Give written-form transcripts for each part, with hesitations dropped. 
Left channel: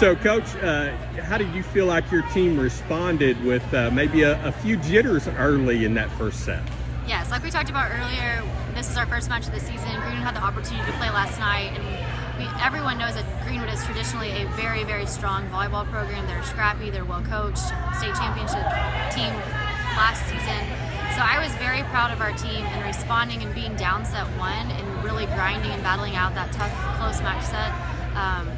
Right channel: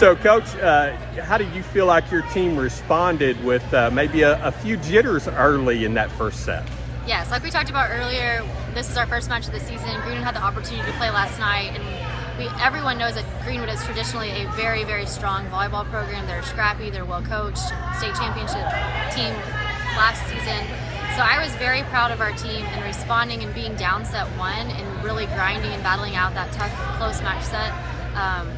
So, Coach, how did you feel like your team responded with maybe a few jitters early in that first set? Yes, like we talked about earlier, this is our first match of the season. Greenwood had the opportunity to play last night, and everyone knows that Greenwood is traditionally a very, very strong volleyball program. They're scrappy, they're well coached, state championship team last season. So I was very proud of our team in responding and being down set one and really grinding and battling out that tough, close match set.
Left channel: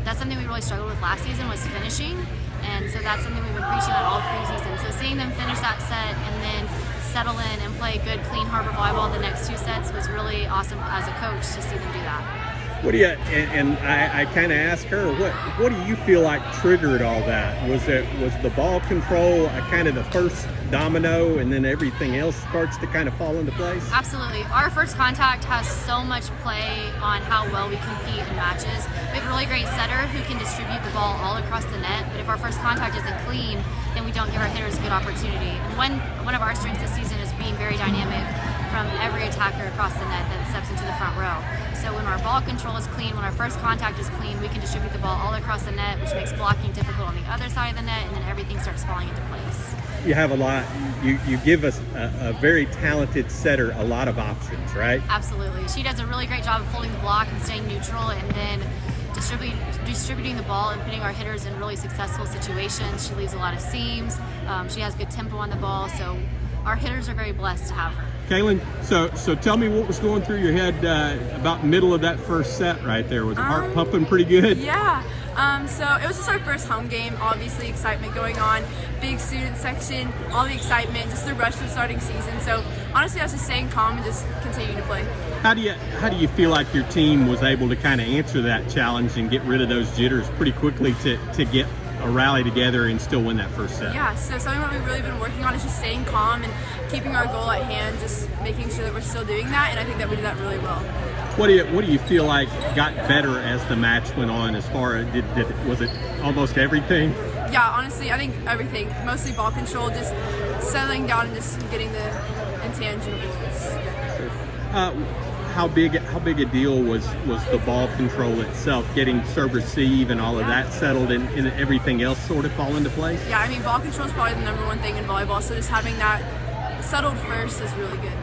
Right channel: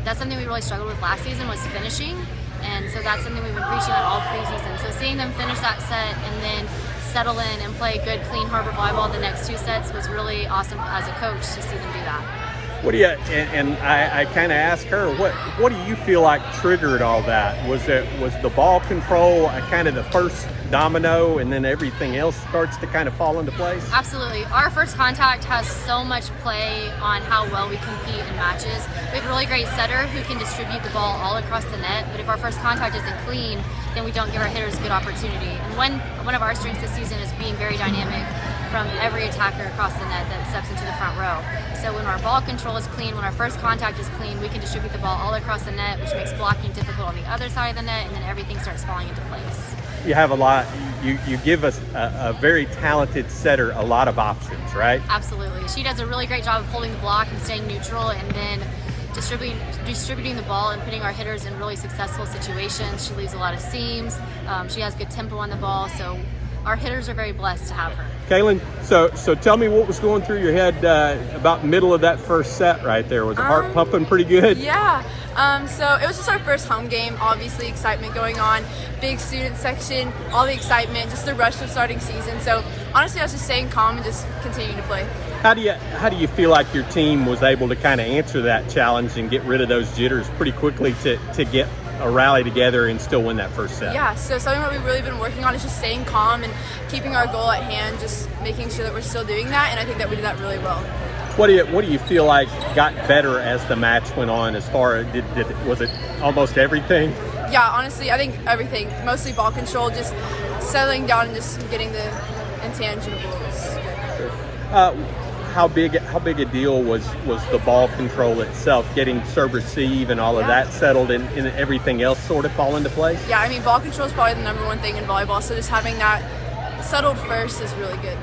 That's something we really struggled with last season, was finishing. And so that's something we've been preaching at all preseason. So seeing them finish that set and then settle in and play good, clean Har-Ber volleyball the next two sets was really awesome as a coach to see them do that. What do you, and I kind of asked her, what do you feel like triggered all that? Was the ball control kind of the first domino, and then everything else starts to kind of fall into place? Absolutely. Our first contact has so much play on how well we compete in matches. We have a really great setter who can distribute the ball all across the net, but if our first contact isn't clean, then we don't give our hitters a good opportunity. And one of our strengths this season is being very dynamic from every attacker across the net that steps into the front row. So when our ball control is clean, when our first contact is clean, we can distribute the ball all across the net, which makes blocking difficult on the other side of the net, and then everything starts falling into place. You have a lot, you give us a very talented setter a lot of options, right? Absolutely. She does a really great job of holding the block and staying neutral, and then distributing the ball and putting our hitters in really successful situations. She leaves a lot of seams. She has good tempo on the ball, so our hitters are very blessed to have her. Caylan, so tell me what was going through your head about middle of that first set right there. Was the heart pumping pretty good? Yeah. So it was just our first home game. Obviously, excitement going on. Big student section, all the excitement, just the rush for starting season. So honestly, I was just staying calm and just continuing to play. How do you feel like your team was able to kind of answer that challenge and get rid of those jitters pretty quickly to get a rally together and still win that first set? Yeah, so something that we've really been working on is just staying calm and keeping our goal at hand, just making sure that we're still doing that, and I think that we did that really well. What do you feel like got better as the match went on? As far as was it almost everything? Yeah, honestly, I think everything. Mostly ball control, just settling down and just getting the intangibles. How big a deal was the ball control itself, getting serve receive and all of that settled and everything else sort of fall into place? Yeah, I mean, ball control is probably the number one thing in volleyball, so just having that settled first is really good.